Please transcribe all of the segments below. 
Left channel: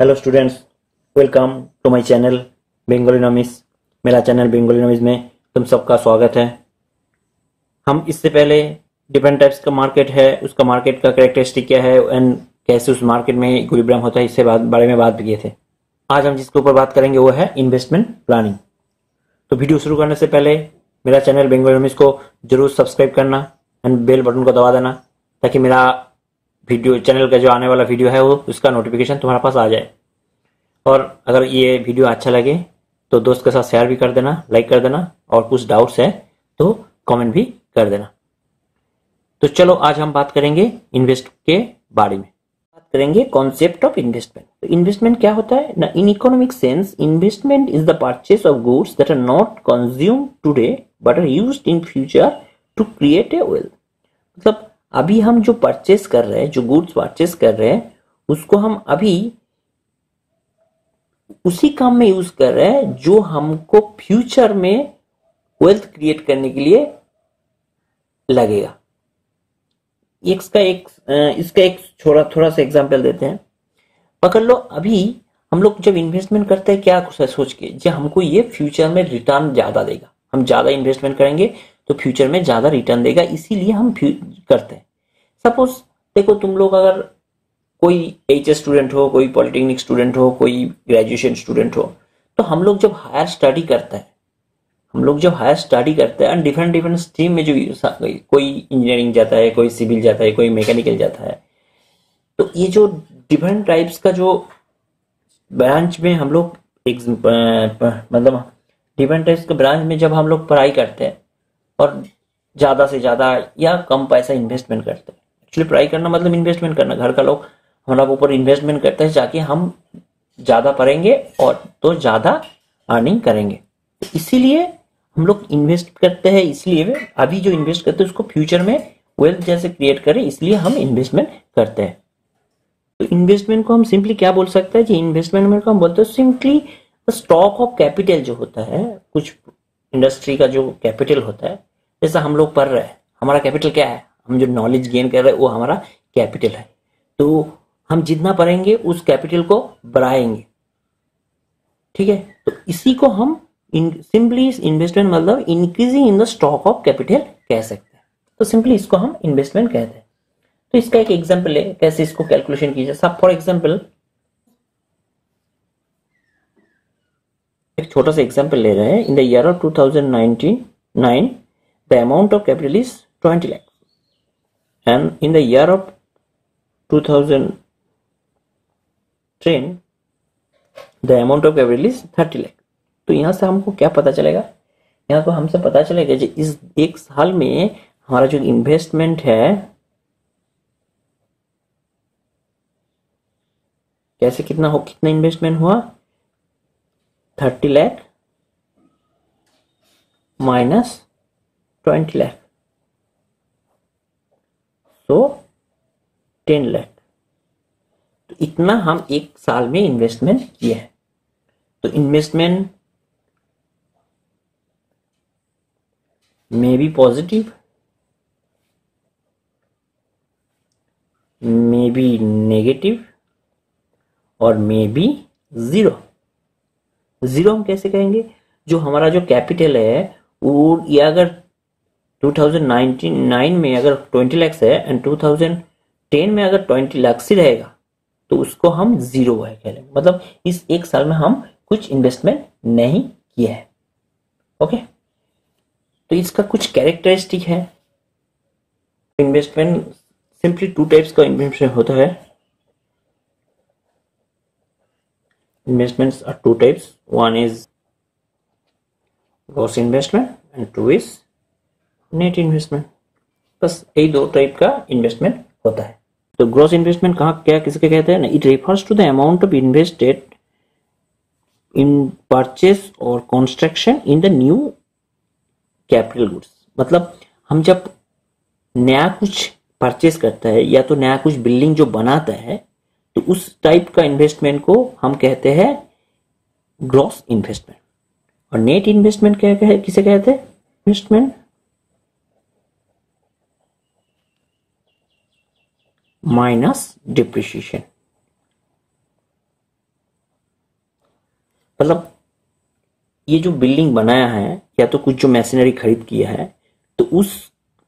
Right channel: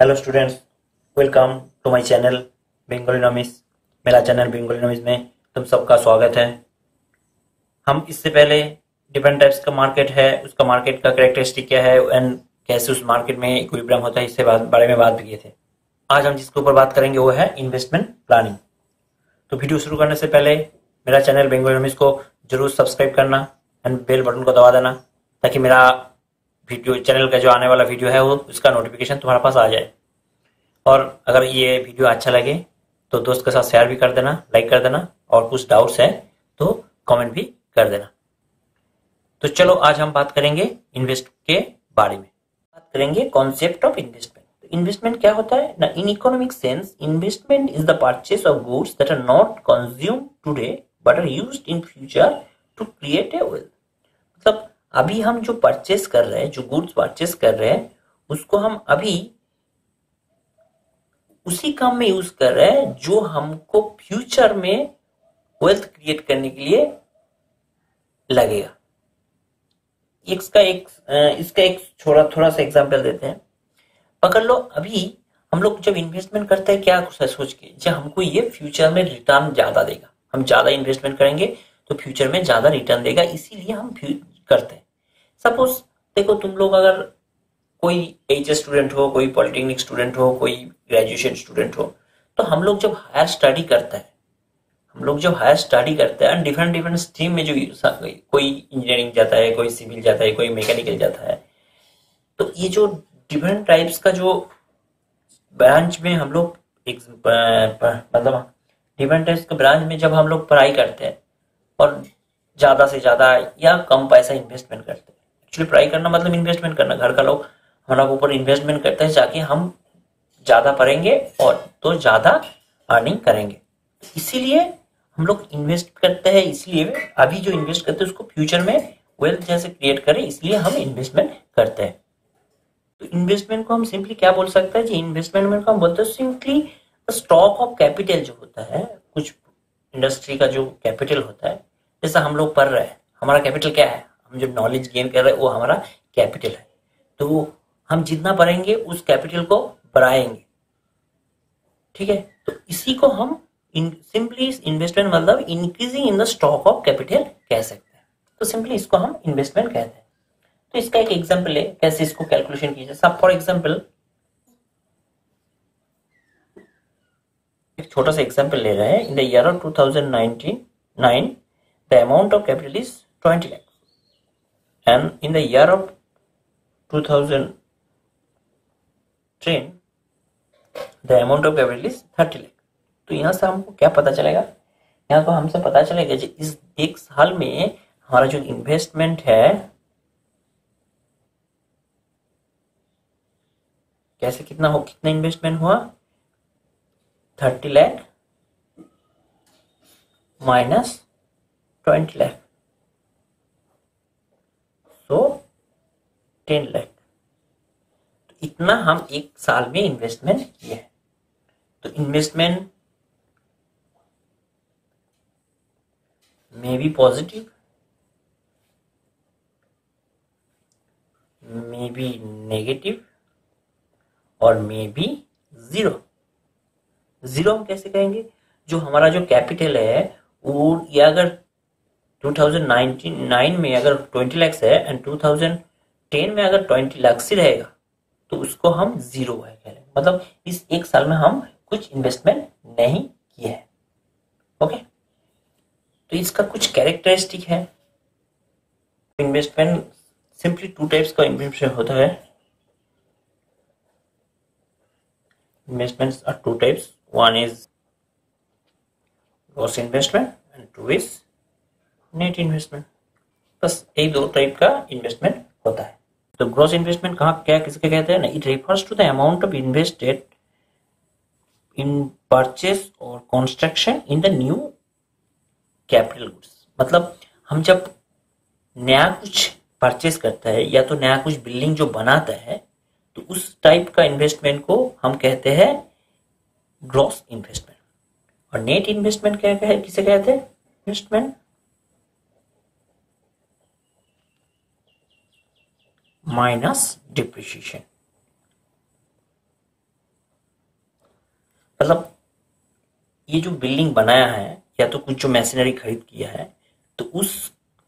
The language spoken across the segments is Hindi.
Hello students, welcome to my channel बेंगोलिनोमिक्स। मेरा चैनल बेंगोलिनोमिक्स में तुम सबका स्वागत है। हम इससे पहले डिफरेंट टाइप्स का मार्केट है, उसका मार्केट का कैरेक्टरिस्टिक क्या है एंड कैसे उस मार्केट में इक्विलिब्रियम होता है, इससे बारे में बात भी किए थे। आज हम जिसके ऊपर बात करेंगे वो है इन्वेस्टमेंट प्लानिंग। तो वीडियो शुरू करने से पहले मेरा चैनल बेंगोलिनोमिक्स को जरूर सब्सक्राइब करना एंड बेल बटन को दबा देना, ताकि मेरा वीडियो चैनल का जो आने वाला वीडियो है वो उसका नोटिफिकेशन तुम्हारे पास आ जाए। और अगर ये वीडियो अच्छा लगे तो दोस्त के साथ शेयर भी कर देना, लाइक कर देना, और कुछ डाउट्स है तो कमेंट भी कर देना। तो चलो आज हम बात करेंगे इन्वेस्ट के बारे में। बात करेंगे कॉन्सेप्ट ऑफ इन्वेस्टमेंट। तो इन्वेस्टमेंट क्या होता है ना? In economic sense investment is the purchase of goods that are not consumed today but are used in future to create a wealth. मतलब अभी हम जो परचेस कर रहे हैं, जो गुड्स परचेस कर रहे हैं, उसको हम अभी उसी काम में यूज कर रहे हैं जो हमको फ्यूचर में वेल्थ क्रिएट करने के लिए लगेगा। इसका एक थोड़ा सा एग्जांपल देते हैं। पकड़ लो, अभी हम लोग जब इन्वेस्टमेंट करते हैं क्या सोच के, जो हमको ये फ्यूचर में रिटर्न ज्यादा देगा, हम ज्यादा इन्वेस्टमेंट करेंगे तो फ्यूचर में ज्यादा रिटर्न देगा, इसीलिए हम करते हैं। सपोज देखो, तुम लोग अगर कोई एचएस स्टूडेंट हो, कोई पॉलिटेक्निक स्टूडेंट हो, कोई ग्रेजुएशन स्टूडेंट हो, तो हम लोग जब हायर स्टडी करते हैं, एंड डिफरेंट डिफरेंट स्ट्रीम में जो कोई इंजीनियरिंग जाता है, कोई सिविल जाता है, कोई मैकेनिकल जाता है, तो ये जो डिफरेंट टाइप्स का जो ब्रांच में हम लोग मतलब डिफरेंट टाइप्स के ब्रांच में जब हम लोग पढ़ाई करते हैं और ज्यादा से ज्यादा या कम पैसा इन्वेस्टमेंट करते हैं। एक्चुअली पढ़ाई करना मतलब इन्वेस्टमेंट करना, घर का लोग हमारा ऊपर इन्वेस्टमेंट करते हैं ताकि हम ज्यादा पढ़ेंगे और तो ज्यादा अर्निंग करेंगे। इसीलिए हम लोग इन्वेस्ट करते हैं, इसलिए अभी जो इन्वेस्ट करते हैं उसको फ्यूचर में वेल्थ जैसे क्रिएट करें, इसलिए हम इन्वेस्टमेंट करते हैं। तो इन्वेस्टमेंट को हम सिंपली क्या बोल सकते हैं? इन्वेस्टमेंट को हम बोलते हैं सिंपली स्टॉक ऑफ कैपिटल जो होता है, कुछ इंडस्ट्री का जो कैपिटल होता है। जैसा हम लोग पढ़ रहे हैं, हमारा कैपिटल क्या है? हम जो नॉलेज गेन कर रहे हैं वो हमारा कैपिटल है। तो हम जितना पढ़ेंगे उस कैपिटल को बढ़ाएंगे, ठीक है। तो इसी को हम सिंपली इन्वेस्टमेंट मतलब increasing in the stock of capital कह सकते हैं। तो सिंपली इसको हम इन्वेस्टमेंट कहते हैं। तो इसका एक एग्जांपल है कैसे इसको कैलकुलेशन कीजिए। सब फॉर एग्जांपल एक छोटा सा एग्जांपल ले रहे हैं। In the year of 2019 the amount of capital is 20 lakh and in the year of 2010 the amount of capital is 30 lakh. तो यहां से हमको क्या पता चलेगा? यहाँ तो हमसे पता चलेगा कि इस एक साल में हमारा जो इन्वेस्टमेंट है कैसे कितना इन्वेस्टमेंट हुआ? 30 लाख माइनस 20 लाख, सो 10 लाख। तो इतना हम एक साल में इन्वेस्टमेंट किए हैं। तो investment may be positive, may be negative और मे बी जीरो। हम कैसे कहेंगे? जो हमारा जो कैपिटल है वो ये अगर 2019 में अगर 20 लाख है एंड 2010 में अगर 20 लाख ही रहेगा तो उसको हम जीरो है कह रहे हैं। मतलब इस एक साल में हम कुछ इन्वेस्टमेंट नहीं किया है। ओके, तो इसका कुछ कैरेक्टरिस्टिक है। इन्वेस्टमेंट सिंपली टू टाइप्स का इन्वेस्टमेंट होता है। Investments are two types. One is gross investment and two is net investment. बस यही दो टाइप का इन्वेस्टमेंट होता है। तो ग्रॉस इन्वेस्टमेंट कहाँ क्या किसके कहते हैं ना? It refers to the amount of invested in purchase और construction in the new capital goods. मतलब हम जब नया कुछ परचेस करता है या तो नया कुछ बिल्डिंग जो बनाता है, तो उस टाइप का इन्वेस्टमेंट को हम कहते हैं ग्रॉस इन्वेस्टमेंट। और नेट इन्वेस्टमेंट क्या है, किसे कहते हैं? Investment minus depreciation. मतलब ये जो बिल्डिंग बनाया है या तो कुछ जो मशीनरी खरीद किया है, तो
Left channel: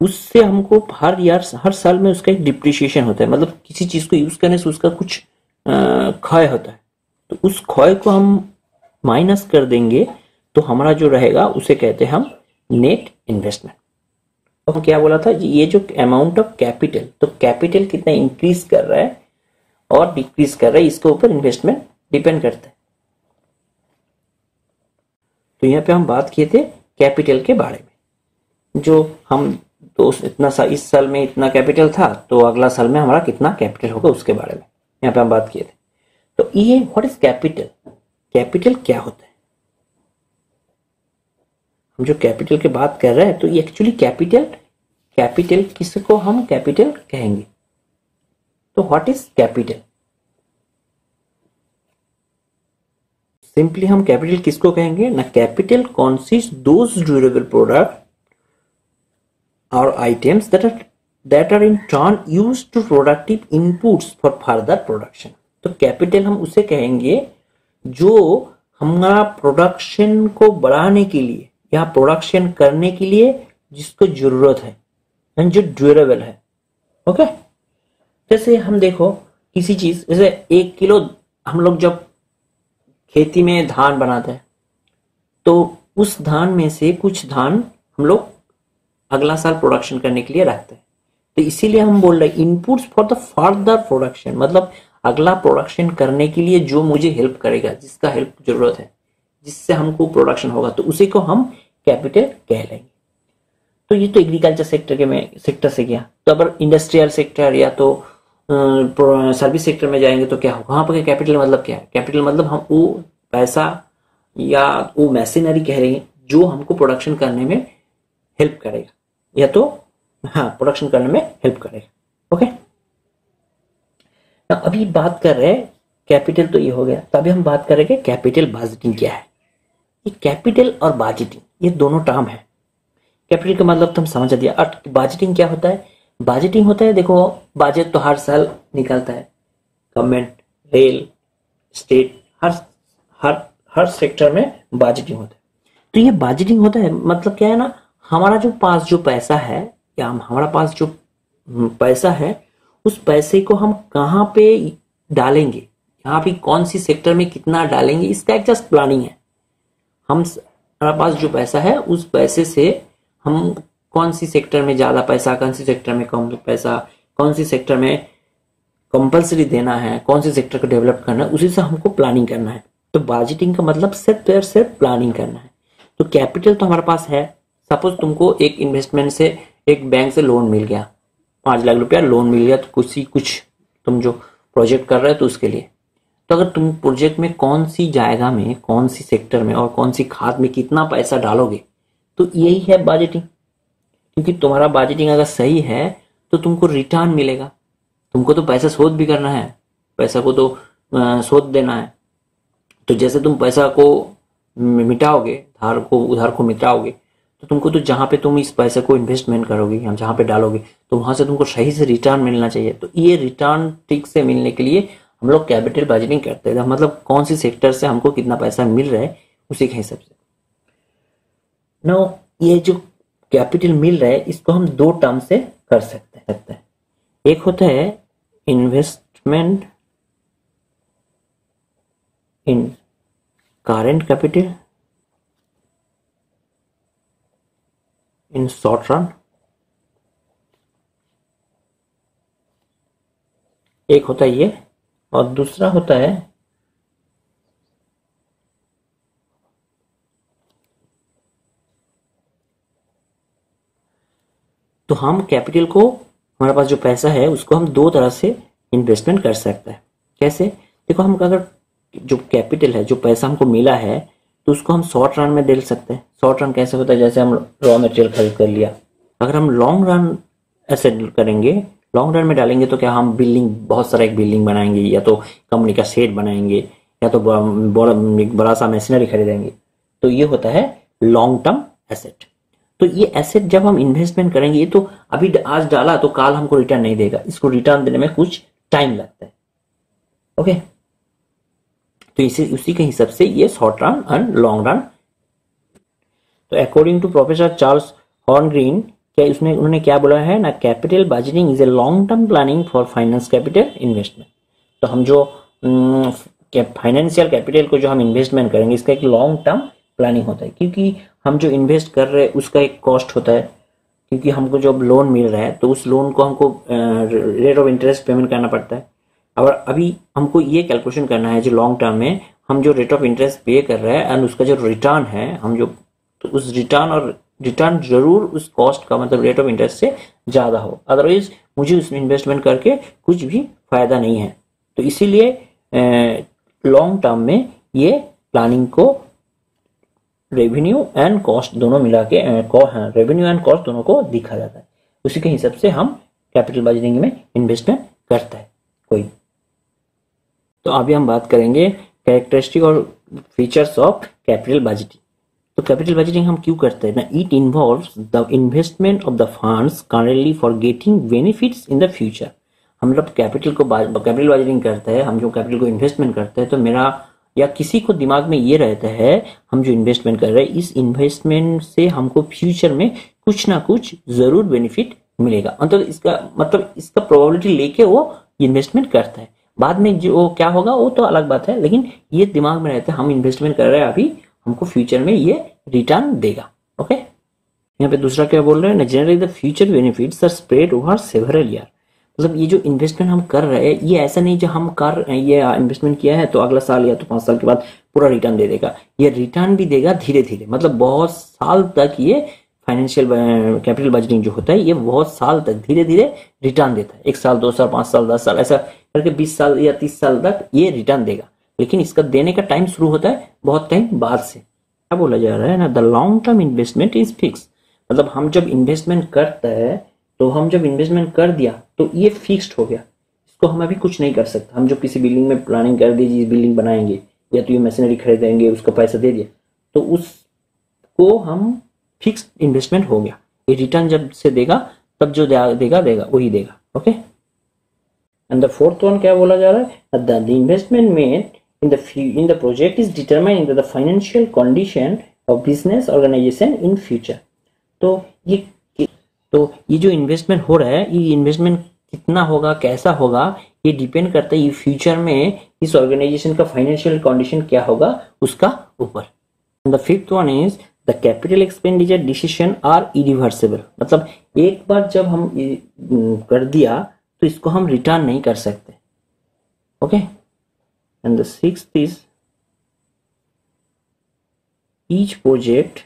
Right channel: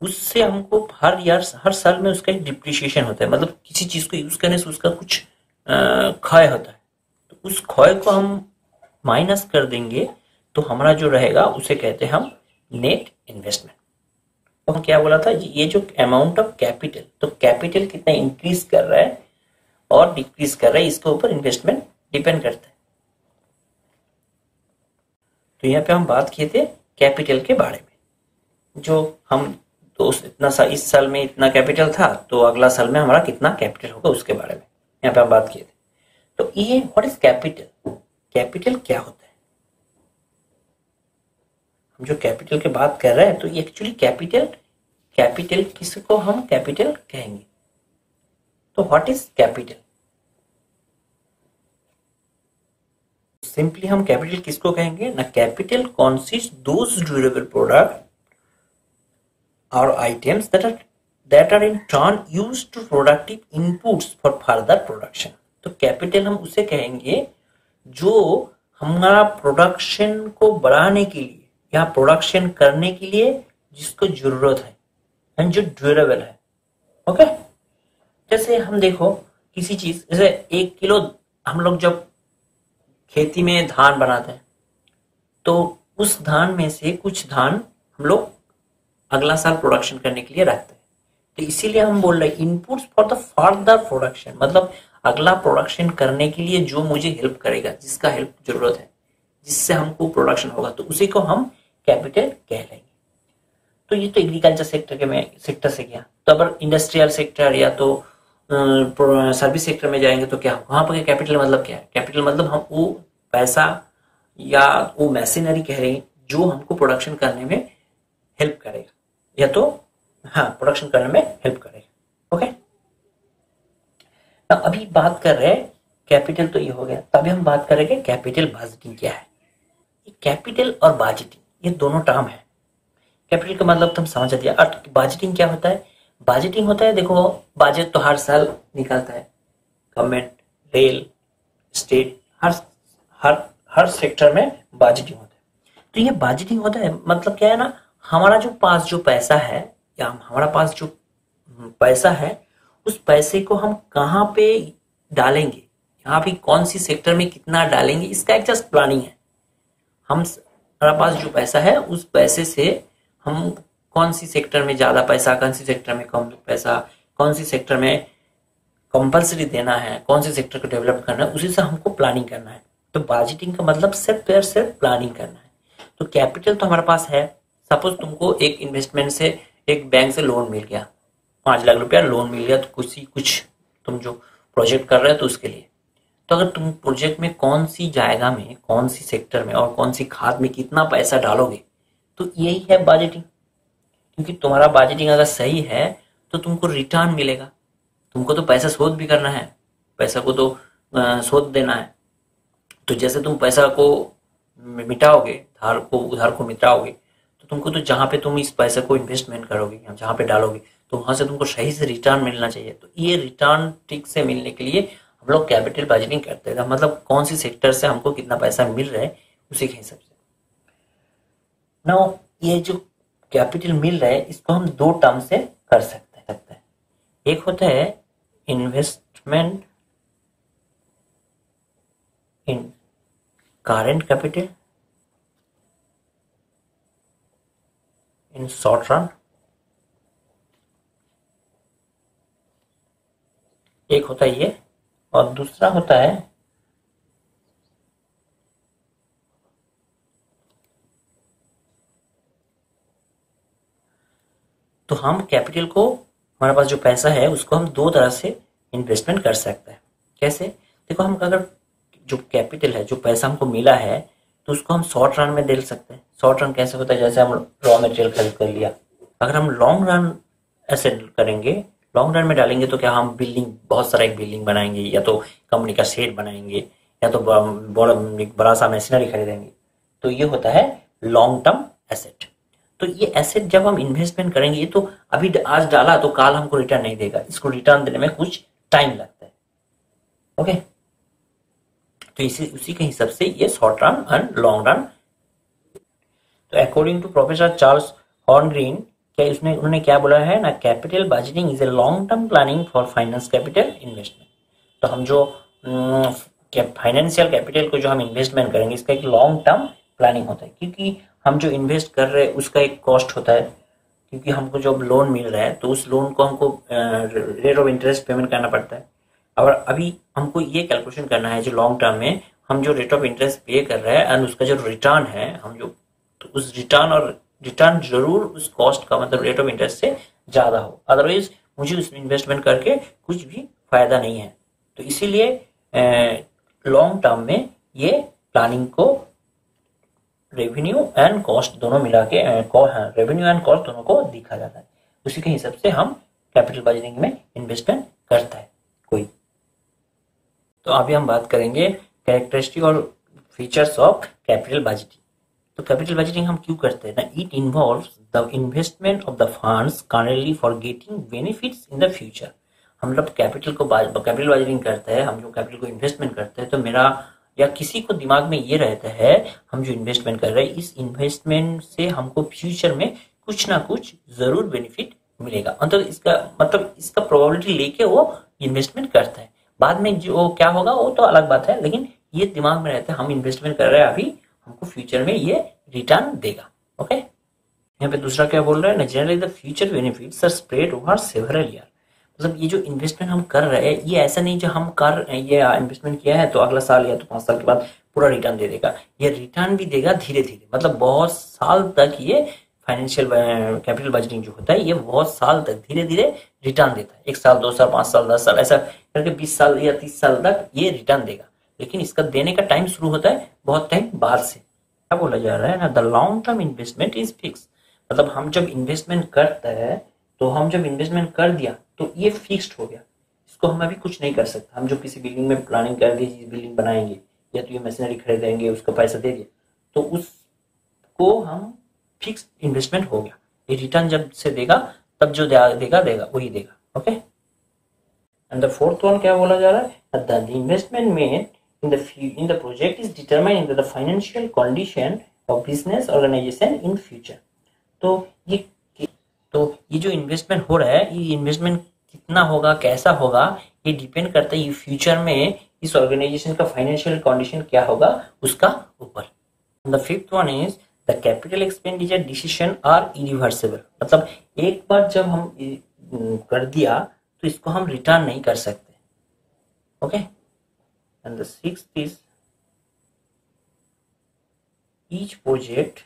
उससे हमको हर साल में उसका एक डिप्रिसिएशन होता है, मतलब किसी चीज को यूज करने से उसका कुछ क्षय होता है। तो उस क्षय को हम माइनस कर देंगे तो हमारा जो रहेगा उसे कहते हैं हम नेट इन्वेस्टमेंट। तो हम क्या बोला था, ये जो अमाउंट ऑफ कैपिटल, तो कैपिटल कितना इंक्रीज कर रहा है और डिक्रीज कर रहा है, इसके ऊपर इन्वेस्टमेंट डिपेंड करता है। तो यहाँ पे हम बात किए थे कैपिटल के बारे में, जो हम तो इस साल में इतना कैपिटल था तो अगला साल में हमारा कितना कैपिटल होगा उसके बारे में यहाँ पे हम बात किए थे। तो ये व्हाट इज कैपिटल, कैपिटल क्या होता है? हम जो कैपिटल की बात कर रहे हैं तो ये एक्चुअली कैपिटल किसको हम कैपिटल कहेंगे? तो व्हाट इज कैपिटल? सिंपली हम कैपिटल किसको कहेंगे ना, capital consist those durable product और items that are in turn used to productive inputs for further production। तो कैपिटल हम उसे कहेंगे जो हमारा प्रोडक्शन को बढ़ाने के लिए या प्रोडक्शन करने के लिए जिसको जरूरत है, यानी जो ड्यूरेबल है। ओके, जैसे हम देखो किसी चीज, जैसे 1 किलो हम लोग जब खेती में धान बनाते हैं तो उस धान में से कुछ धान हम लोग अगला साल प्रोडक्शन करने के लिए रखते हैं। तो इसीलिए हम बोल रहे हैं inputs for the further production, मतलब अगला प्रोडक्शन करने के लिए जो मुझे हेल्प करेगा, जिसका हेल्प जरूरत है, जिससे हमको प्रोडक्शन होगा, तो उसी को हम कैपिटल कह लेंगे। तो ये तो एग्रीकल्चर सेक्टर से गया। तो अगर इंडस्ट्रियल सेक्टर या तो सर्विस सेक्टर में जाएंगे तो क्या होगा, वहां पर कैपिटल मतलब क्या है? कैपिटल मतलब हम वो पैसा या वो मशीनरी कह रहे हैं जो हमको प्रोडक्शन करने में हेल्प करेगा, या तो प्रोडक्शन करने में हेल्प करेगा। ओके, अभी बात कर रहे हैं कैपिटल, तो ये हो गया। तो अभी हम बात करेंगे कैपिटल बजटिंग क्या है। ये कैपिटल और बजटिंग ये दोनों टर्म है। कैपिटल का मतलब तुम समझ दिया, और बजटिंग क्या होता है? बजटिंग होता है, देखो बजट तो हर साल निकलता है, गवर्नमेंट, रेल, स्टेट, हर सेक्टर में बजटिंग होता है। तो ये बजटिंग होता है मतलब क्या है ना, हमारा जो पास जो पैसा है या हमारा पास जो पैसा है उस पैसे को हम कहाँ पे डालेंगे, यहाँ पे कौन सी सेक्टर में कितना डालेंगे, इसका एक जस्ट प्लानिंग है। हमारा पास जो पैसा है उस पैसे से हम कौन सी सेक्टर में ज्यादा पैसा, कौन सी सेक्टर में कम पैसा, कौन सी सेक्टर में कंपल्सरी देना है, कौन सी सेक्टर को डेवलप करना है, उसी से हमको प्लानिंग करना है। तो बजटिंग का मतलब सिर्फ प्लानिंग करना है। तो कैपिटल तो हमारे पास है। सपोज तुमको एक इन्वेस्टमेंट से एक बैंक से लोन मिल गया, 5 लाख रुपया लोन मिल गया, तो कुछ तुम जो प्रोजेक्ट कर रहे हो तो उसके लिए। तो अगर तुम प्रोजेक्ट में कौन सी जाएगा में, कौन सी सेक्टर में और कौन सी खाद में कितना पैसा डालोगे, तो यही है बजटिंग। क्योंकि तुम्हारा बजटिंग अगर सही है तो तुमको रिटर्न मिलेगा। तुमको तो पैसा शोध भी करना है, पैसा को तो शोध देना है। तो जैसे तुम पैसा को मिटाओगे, उधार को मिटाओगे, तो तुमको तो जहां पे तुम इस पैसे को इन्वेस्टमेंट करोगे, हम जहां पे डालोगे, तो वहां से तुमको सही से रिटर्न मिलना चाहिए। तो ये रिटर्न ठीक से मिलने के लिए हम लोग कैपिटल बजटिंग करते हैं, मतलब कौन सी सेक्टर से हमको कितना पैसा मिल रहा है उसी के हिसाब से। नाउ ये जो कैपिटल मिल रहा है इसको हम 2 टर्म से कर सकते हैं। एक होता है investment in current capital in short run, एक होता है ये, और दूसरा होता है तो हम कैपिटल को, हमारे पास जो पैसा है उसको हम 2 तरह से इन्वेस्टमेंट कर सकते हैं। कैसे? देखो, हम अगर जो कैपिटल है, जो पैसा हमको मिला है, तो उसको हम शॉर्ट रन में दे सकते हैं। शॉर्ट रन कैसे होता है? जैसे हम रॉ मटेरियल खरीद कर लिया, अगर हम लॉन्ग रन ऐसे करेंगे, लॉन्ग रन में डालेंगे, तो क्या हम बहुत सारा एक बिल्डिंग बनाएंगे, या तो कंपनी का शेड बनाएंगे, या तो बड़ा सा मशीनरी खरीदेंगे। तो ये होता है लॉन्ग टर्म एसेट। तो ये एसेट जब हम इन्वेस्टमेंट करेंगे, तो अभी आज डाला तो कल हमको रिटर्न नहीं देगा, इसको रिटर्न देने में कुछ टाइम लगता है। ओके, तो इसी उसी के हिसाब से ये short run and long run. तो अकॉर्डिंग टू प्रोफेसर चार्ल्स हॉर्नग्रीन, क्या इसमें उन्होंने क्या बोला है ना, capital budgeting is a long term planning for finance capital investment. तो हम जो फाइनेंशियल कैपिटल को जो हम इन्वेस्टमेंट करेंगे इसका एक लॉन्ग टर्म प्लानिंग होता है, क्योंकि हम जो इन्वेस्ट कर रहे हैं उसका एक कॉस्ट होता है, क्योंकि हमको जब लोन मिल रहा है तो उस लोन को हमको रेट ऑफ इंटरेस्ट पेमेंट करना पड़ता है। और अभी हमको ये कैलकुलेशन करना है जो लॉन्ग टर्म में हम जो रेट ऑफ इंटरेस्ट पे कर रहे हैं एंड उसका जो रिटर्न है हम जो, तो उस रिटर्न जरूर उस कॉस्ट का मतलब रेट ऑफ इंटरेस्ट से ज्यादा हो, अदरवाइज मुझे उसमें इन्वेस्टमेंट करके कुछ भी फायदा नहीं है। तो इसीलिए लॉन्ग टर्म में ये प्लानिंग को रेवेन्यू एंड कॉस्ट दोनों मिला के रेवेन्यू एंड कॉस्ट दोनों को दिखा जाता है, उसी के हिसाब से हम कैपिटल बजटिंग में इन्वेस्टमेंट करता है कोई। तो अभी हम बात करेंगे कैरेक्टरिस्टिक और फीचर्स ऑफ कैपिटल बजटिंग। तो कैपिटल बजटिंग हम क्यों करते हैं ना, it involves the investment of the funds currently for getting benefits in the future. हम लोग कैपिटल बजटिंग करते हैं, हम जो कैपिटल को इन्वेस्टमेंट करते हैं, तो मेरा या किसी को दिमाग में ये रहता है हम जो इन्वेस्टमेंट कर रहे हैं इस इन्वेस्टमेंट से हमको फ्यूचर में कुछ ना कुछ जरूर बेनिफिट मिलेगा, मतलब इसका प्रोबेबिलिटी लेके वो इन्वेस्टमेंट करता है। बाद में जो क्या होगा वो तो अलग बात है, लेकिन ये दिमाग में रहता है हम इन्वेस्टमेंट कर रहे हैं अभी हमको फ्यूचर में ये रिटर्न देगा। ओके, यहाँ पे दूसरा क्या बोल रहे हैं ना, generally the future benefits are spread over several year. मतलब ये जो इन्वेस्टमेंट हम कर रहे हैं ये ऐसा नहीं जो हम ये इन्वेस्टमेंट किया है तो अगला साल या तो 5 साल के बाद पूरा रिटर्न दे देगा, ये रिटर्न भी देगा धीरे धीरे, मतलब बहुत साल तक ये फाइनेंशियल कैपिटल बजटिंग जो होता है ये बहुत साल तक धीरे धीरे रिटर्न देता है। 1 साल 2 साल 5 साल 10 साल ऐसा करके 20 साल या 30 साल तक ये रिटर्न देगा, लेकिन इसका देने का टाइम शुरू होता है बहुत टाइम बाद से। क्या बोला जा रहा है ना, the long term investment is fix. मतलब हम जब इन्वेस्टमेंट करते हैं तो हम जब इन्वेस्टमेंट कर दिया तो ये फिक्स्ड हो गया, इसको हम अभी कुछ नहीं कर सकते। हम जो किसी बिल्डिंग में प्लानिंग कर दी जी बिल्डिंग बनाएंगे या तो ये मशीनरी खरीदेंगे उसका पैसा दे दिया तो उसको हम फिक्स्ड इन्वेस्टमेंट हो गया, ये रिटर्न जब से देगा तब जो देगा वही देगा। Okay, and the fourth one क्या बोला जा रहा है, the investment made in the project is determined into the financial condition of business organization in future। तो ये जो इन्वेस्टमेंट हो रहा है ये इन्वेस्टमेंट कितना होगा कैसा होगा ये डिपेंड करता है ये फ्यूचर में इस ऑर्गेनाइजेशन का फाइनेंशियल कंडीशन क्या होगा उसका ऊपर। The fifth one is the capital expenditure decision are irreversible. मतलब एक बार जब हम कर दिया तो इसको हम रिटर्न नहीं कर सकते। Okay, and the sixth is each project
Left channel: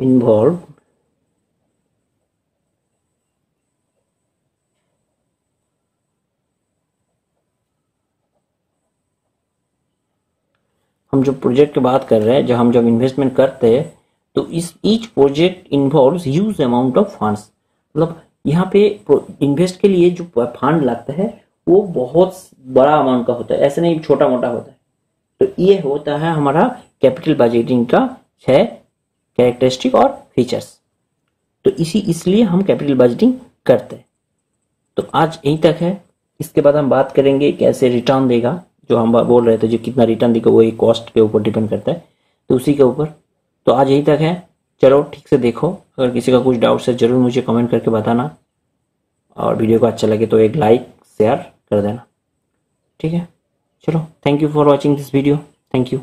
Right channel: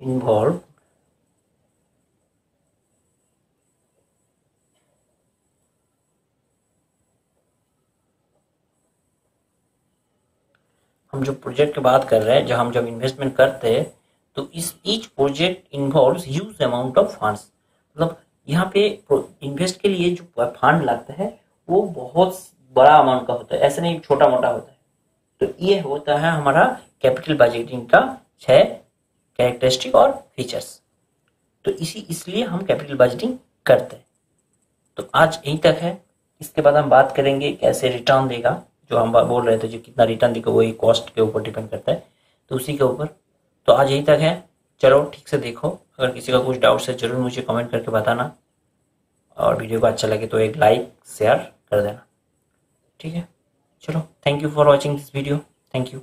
involved हम जो प्रोजेक्ट की बात कर रहे हैं जब हम इन्वेस्टमेंट करते हैं तो इस each project involves huge amount of funds. मतलब यहाँ पे इन्वेस्ट के लिए जो फंड लगता है वो बहुत बड़ा अमाउंट का होता है, ऐसे नहीं छोटा मोटा होता है। तो ये होता है हमारा कैपिटल बजटिंग का 6 कैरेक्टरिस्टिक और फीचर्स। तो इसलिए हम कैपिटल बजटिंग करते हैं। तो आज यहीं तक है, इसके बाद हम बात करेंगे कैसे रिटर्न देगा, जो हम बोल रहे थे जो कितना रिटर्न देगा वो कॉस्ट के ऊपर डिपेंड करता है, तो उसी के ऊपर। तो आज यहीं तक है, चलो ठीक से देखो, अगर किसी का कुछ डाउट है जरूर मुझे कमेंट करके बताना, और वीडियो को अच्छा लगे तो एक लाइक शेयर कर देना। ठीक है, चलो, thank you for watching this video, thank you.